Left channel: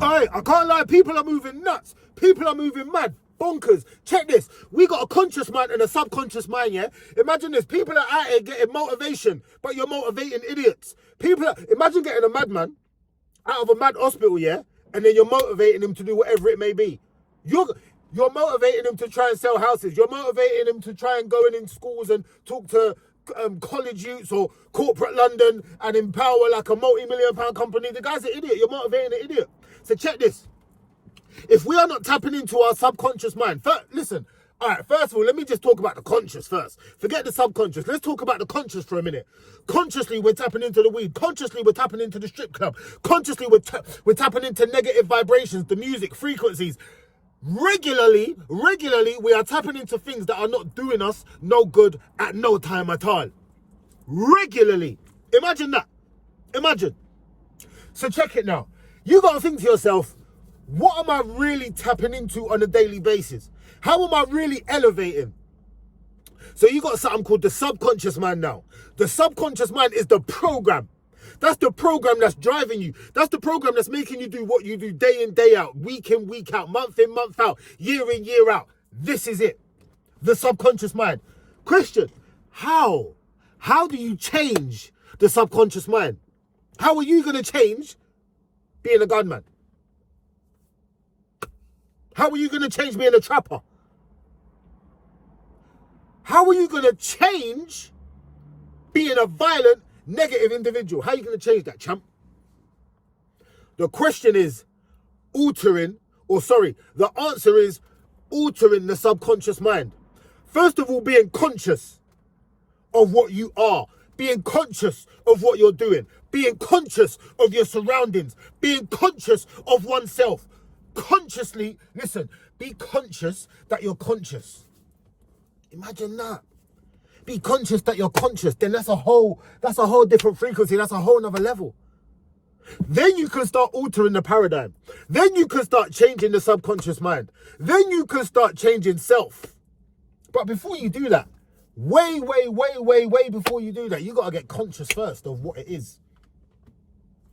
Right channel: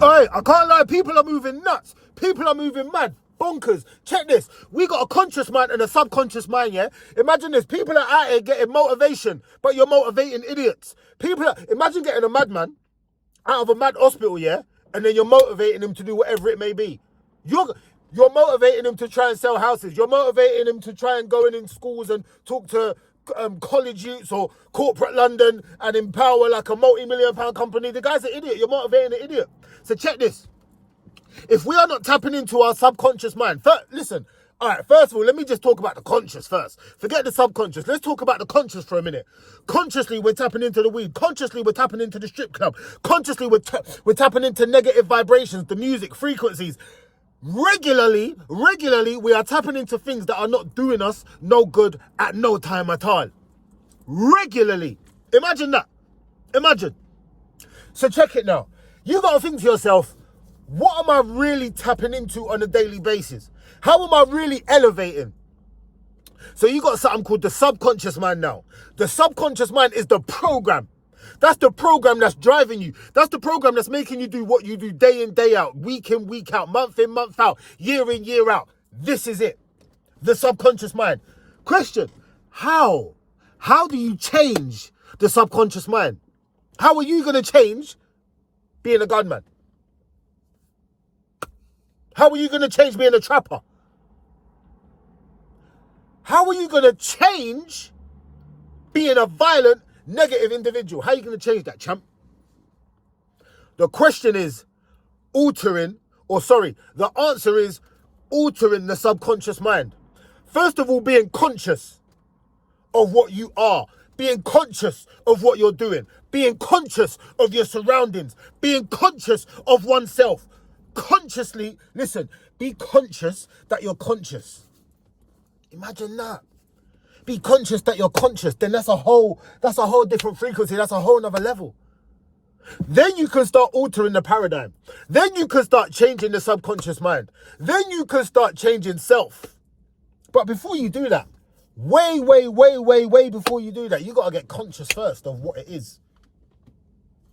Hey, I can't lie, people are moving nuts. People are moving mad. Bonkers. Check this. We got a conscious mind and a subconscious mind, yeah? Imagine this. People are out here getting motivation, but you're motivating idiots. Imagine getting a madman out of a mad hospital, yeah? And then you're motivating him to do whatever it may be. You're motivating him to try and sell houses. You're motivating him to try and go in schools and talk to college youths or corporate London and empower like a multi-million-pound company. The guy's an idiot. You're motivating an idiot. So check this. If we are not tapping into our subconscious mind, listen, all right, first of all, let me just talk about the conscious first. Forget the subconscious. Let's talk about the conscious for a minute. Consciously, we're tapping into the weed. Consciously, we're tapping into the strip club. Consciously, we're tapping into negative vibrations, the music, frequencies. Regularly, we are tapping into things that are not doing us no good at no time at all. Regularly. Imagine that. Imagine. So check it now. You got to think to yourself, what am I really tapping into on a daily basis? How am I really elevating? So you got something called the subconscious mind now. The subconscious mind is the program. That's the program that's driving you. That's the program that's making you do what you do day in, day out, week in, week out, month in, month out, year in, year out. This is it. The subconscious mind. Question, how? How do you change the subconscious mind? How are you going to change being a gunman? How are you going to change being a trapper? How are you going to change being a violent, negative individual? How are you going to change that, champ? The question is the answer is altering the subconscious mind. First of all, being conscious of what you are, being conscious of what you're doing, being conscious of your surroundings, being conscious of oneself. Consciously, listen, be conscious that you're conscious. Imagine that. Be conscious that you're conscious. Then that's a whole different frequency. That's a whole nother level. Then you can start altering the paradigm. Then you can start changing the subconscious mind. Then you can start changing self. But before you do that, way before you do that, you got to get conscious first of what it is.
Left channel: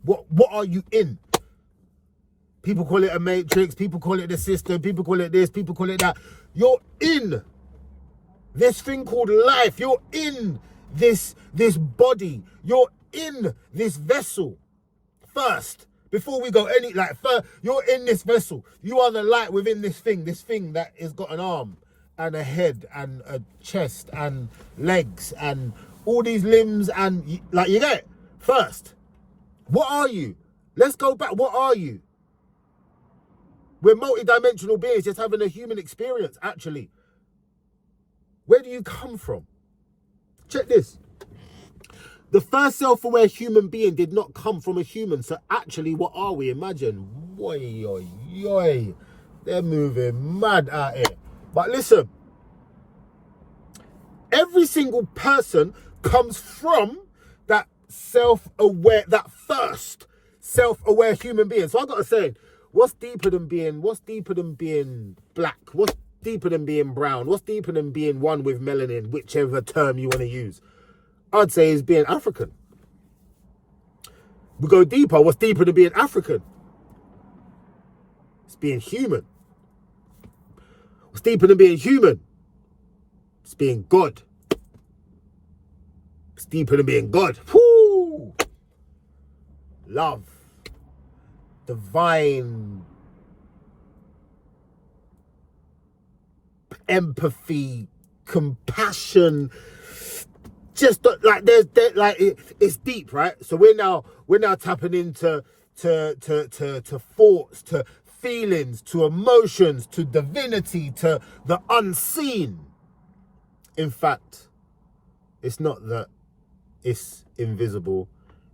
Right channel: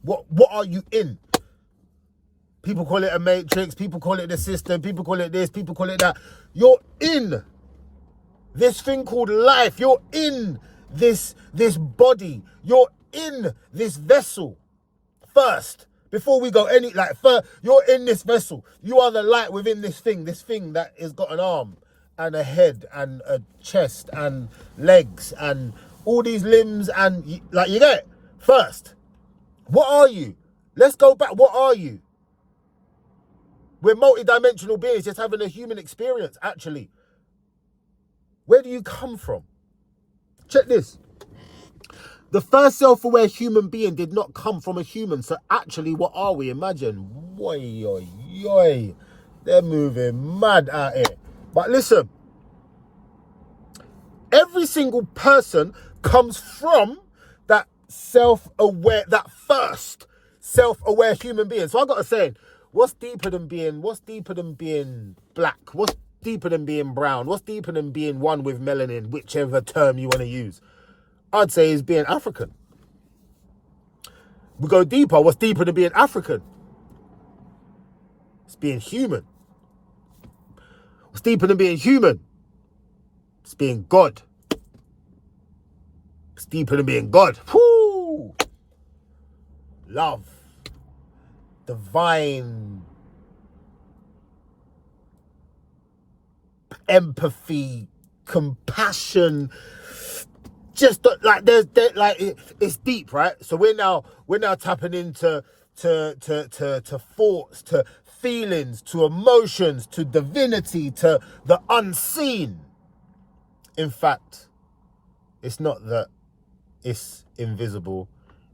What are you in? People call it a matrix. People call it the system. People call it this. People call it that. You're in this thing called life. You're in this body. You're in this vessel first. Before we go first, you're in this vessel. You are the light within this thing that has got an arm and a head and a chest and legs and all these limbs and you get it? First, what are you? Let's go back. What are you? We're multi-dimensional beings just having a human experience, actually. Where do you come from? Check this. The first self-aware human being did not come from a human. So actually, what are we? Imagine. They're moving mad out here. But listen. Every single person comes from that self-aware, that first self-aware human being. So I got to say, what's deeper than being black? What's deeper than being brown? What's deeper than being one with melanin, whichever term you want to use? I'd say is being African. We go deeper. What's deeper than being African? It's being human. What's deeper than being human? It's being God. It's deeper than being God. Whoo! Love. Divine empathy, compassion, just like it's deep, right? So we're now tapping into to thoughts, to feelings, to emotions, to divinity, to the unseen. In fact, it's not that it's invisible.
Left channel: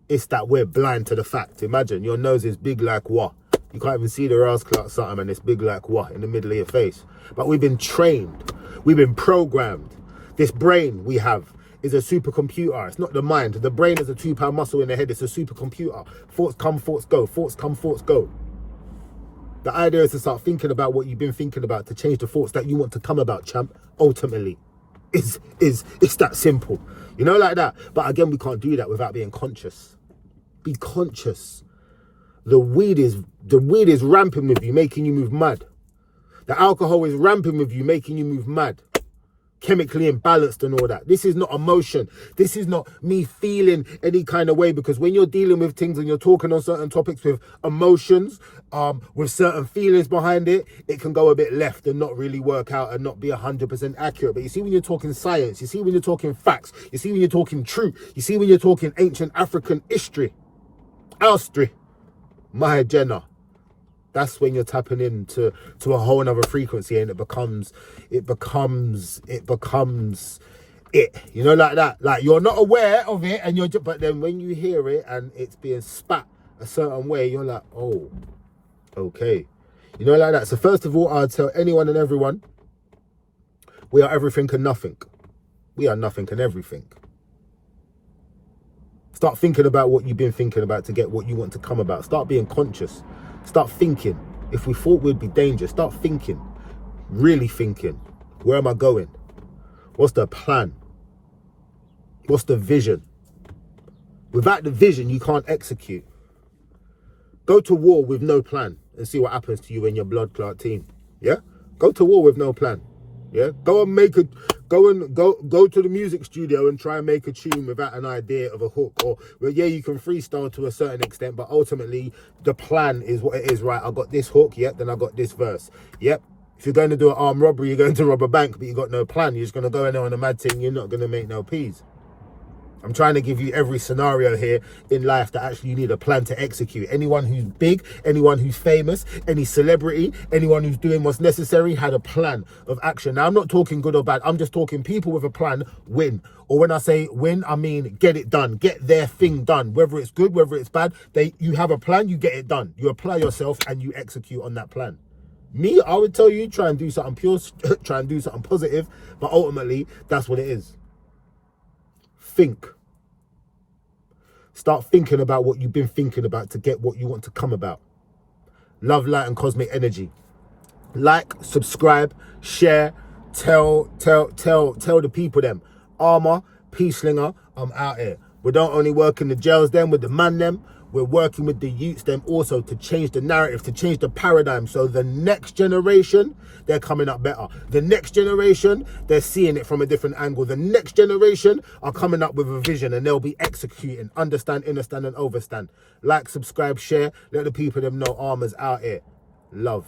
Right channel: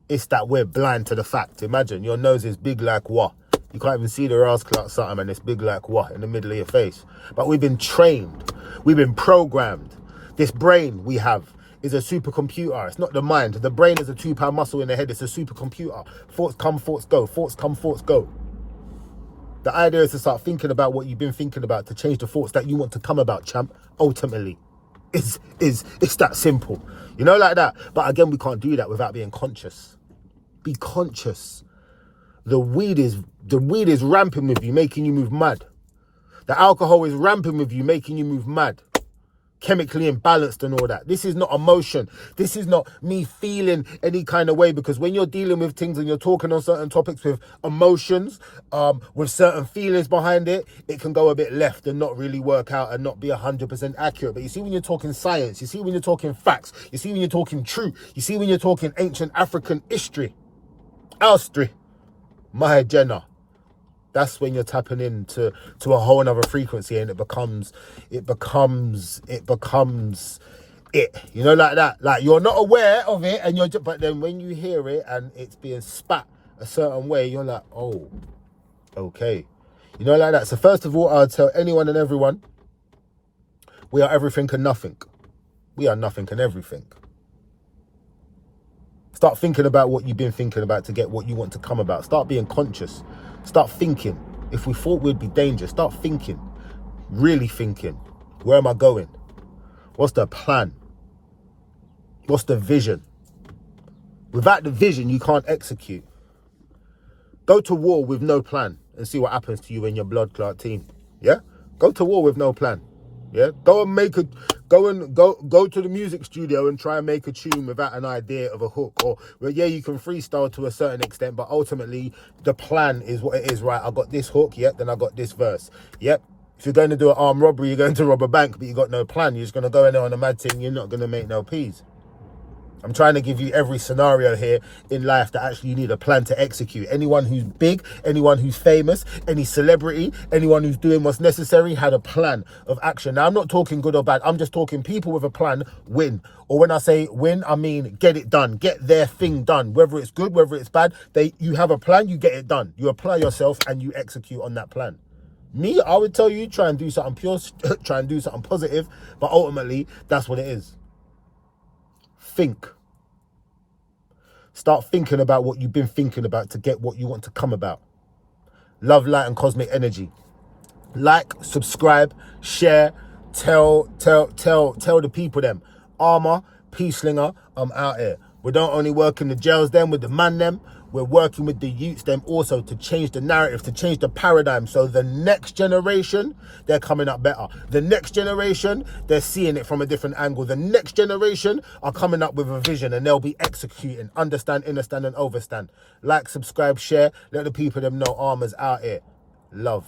It's that we're blind to the fact. Imagine your nose is big like what? You can't even see the ass clock something and it's big like what in the middle of your face. But we've been trained. We've been programmed. This brain we have is a supercomputer. It's not the mind. The brain is a 2-pound muscle in the head. It's a supercomputer. Thoughts come, thoughts go. Thoughts come, thoughts go. The idea is to start thinking about what you've been thinking about, to change the thoughts that you want to come about, champ. Ultimately, it's that simple. You know, like that. But again, we can't do that without being conscious. Be conscious. The weed is The weed is ramping with you, making you move mad. The alcohol is ramping with you, making you move mad. Chemically imbalanced and all that. This is not emotion. This is not me feeling any kind of way, because when you're dealing with things and you're talking on certain topics with emotions, with certain feelings behind it, it can go a bit left and not really work out and not be 100% accurate. But you see, when you're talking science, you see when you're talking facts, you see when you're talking truth, you see when you're talking ancient African history, history, Mahajana, that's when you're tapping into a whole nother frequency, and it becomes it, you know, like that. Like, you're not aware of it, and but then when you hear it and it's being spat a certain way, you're like, oh, okay, you know, like that. So first of all, I'll tell anyone and everyone, we are everything and nothing. We are nothing and everything. Start thinking about what you've been thinking about to get what you want to come about. Start being conscious. Start thinking. If we thought we'd be dangerous, start thinking. Really thinking. Where am I going? What's the plan? What's the vision? Without the vision, you can't execute. Go to war with no plan and see what happens to you and your blood clot team. Yeah? Go to war with no plan. Yeah? Go to the music studio and try and make a tune without an idea of a hook. Or, well, yeah, you can freestyle to a certain extent, but ultimately the plan is what it is, right? I got this hook, yep, then I got this verse. Yep. If you're going to do an armed robbery, you're going to rob a bank, but you got no plan. You're just going to go in there on a mad thing. You're not going to make no peas. I'm trying to give you every scenario here in life that actually you need a plan to execute. Anyone who's big, anyone who's famous, any celebrity, anyone who's doing what's necessary had a plan of action. Now, I'm not talking good or bad. I'm just talking people with a plan win. Or when I say win, I mean get it done. Get their thing done. Whether it's good, whether it's bad, you have a plan, you get it done. You apply yourself and you execute on that plan. Me, I would tell you, try and do something pure, try and do something positive, but ultimately, that's what it is. Think. Start thinking about what you've been thinking about to get what you want to come about. Love, light, and cosmic energy. Like, subscribe, share, tell the people them. Armor, Peace Slinger, I'm out here. We don't only work in the jails them with the man them. We're working with the youths them also to change the narrative, to change the paradigm. So the next generation, they're coming up better. The next generation, they're seeing it from a different angle. The next generation are coming up with a vision and they'll be executing. Understand, understand, and overstand. Like, subscribe, share. Let the people them know Armor's out here. Love.